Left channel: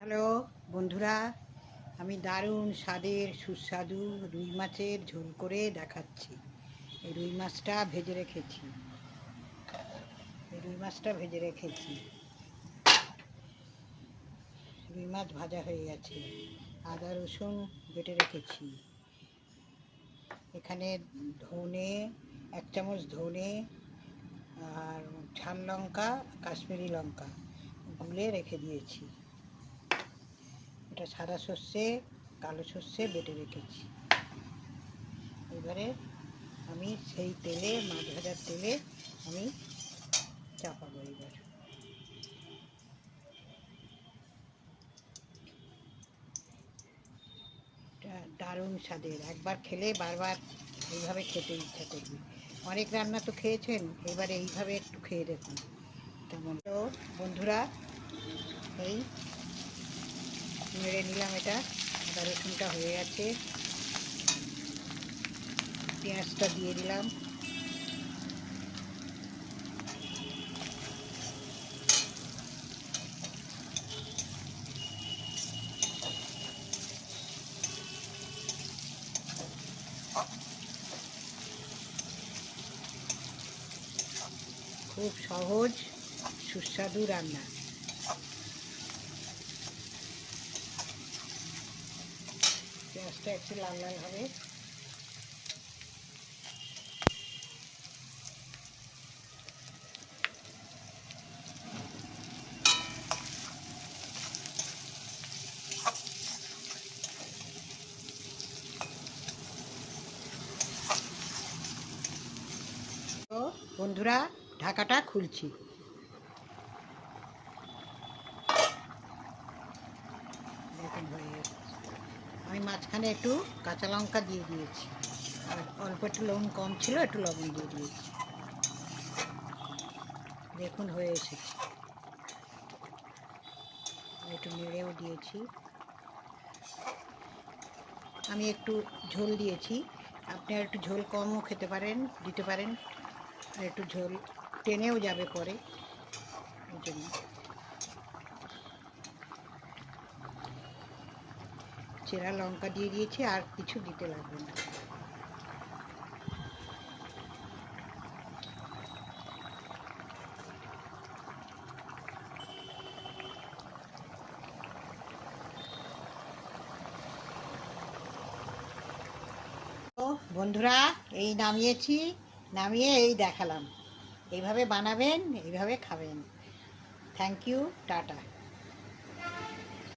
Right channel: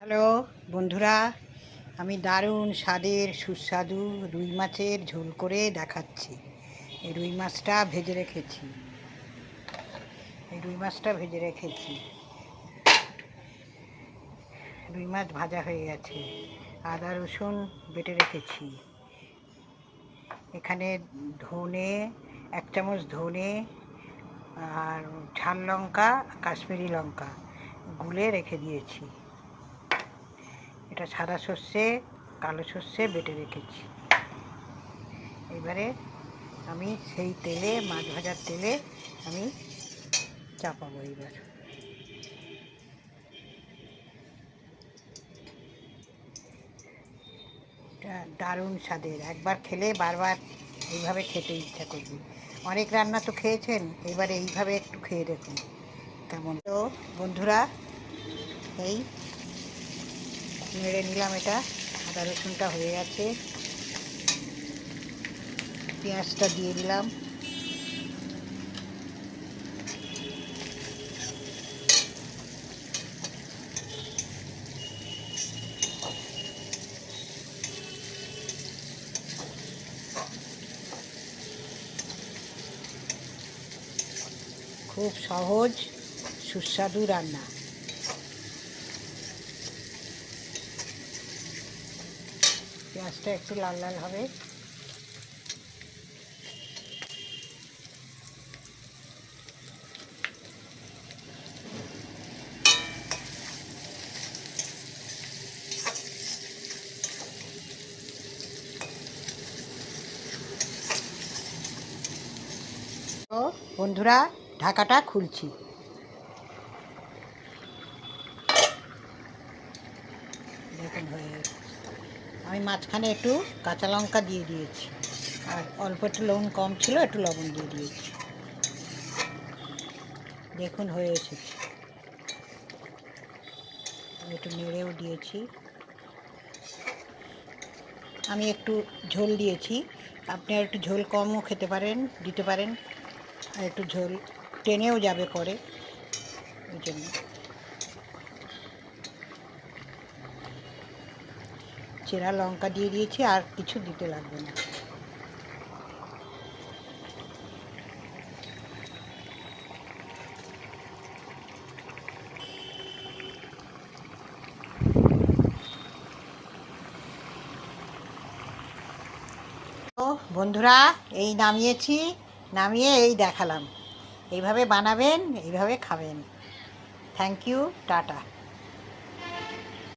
Hello বন্ধুরা, আমি দারুণ স্বাদের সুস্বাদু রুই মাছের ঝোল করে দেখাচ্ছি। এই রুই মাছটা ভেজে রেখেছি রুই মাছ ভাজা হয়ে গেছে। আদা রসুন বেটে রেখেছি। এখানে ধনে, 1 চামচ ধনে আর ঝাল লঙ্কা, কাশ্মীরি লঙ্কা গুলে রেখে দিয়েছি। এটা সাদা সর্ষে, কালো সর্ষে বেটে রেখেছি। এবারে আমি সেই তেলে, মাছ ভাজার তেলে আমি চাপাবো। এবার এটা দারুণ স্বাদের, একবার খেলে বারবার এইভাবে খেতে ইচ্ছা করবে। অনেক রান্না তো খেয়েছেন, এবারে এইভাবে একটু খেয়ে দেখুন কেমন। তো বন্ধুরা, এই নেড়ে নিলাম। এটা আদা রসুনটা হয়ে গেছে, পেঁয়াজটা দিয়ে দিলাম। খুব সহজ সুস্বাদু রান্না। পেঁয়াজটা একটু লাল লাল হবে। তো বন্ধুরা, ঢাকাটা খুলছি। দেখুন হয়ে গেছে। আমি মাঝখানে একটু কাঁচা লঙ্কা দিয়ে দিয়েছি, আর অল্প একটু লবণ কম ছিল, একটু লবণ দিয়ে দিয়েছি। দেখুন হয়ে এসেছে। একটু নেড়েও দিয়েছি। আমি একটু ঝোল দিয়েছি, আপনি আর একটু ঝোল কমও দিতে পারেন, আর একটু ঝোল টেনেও যাবে পরে, ওই জন্য। চেরা লঙ্কা দিয়ে দিয়েছি, আর কিছু দিতে লাগবে না। তো বন্ধুরা, এই নামিয়ে এই দেখালাম। এইভাবে বানাবেন, এইভাবে খাবেন। Thank you, tata.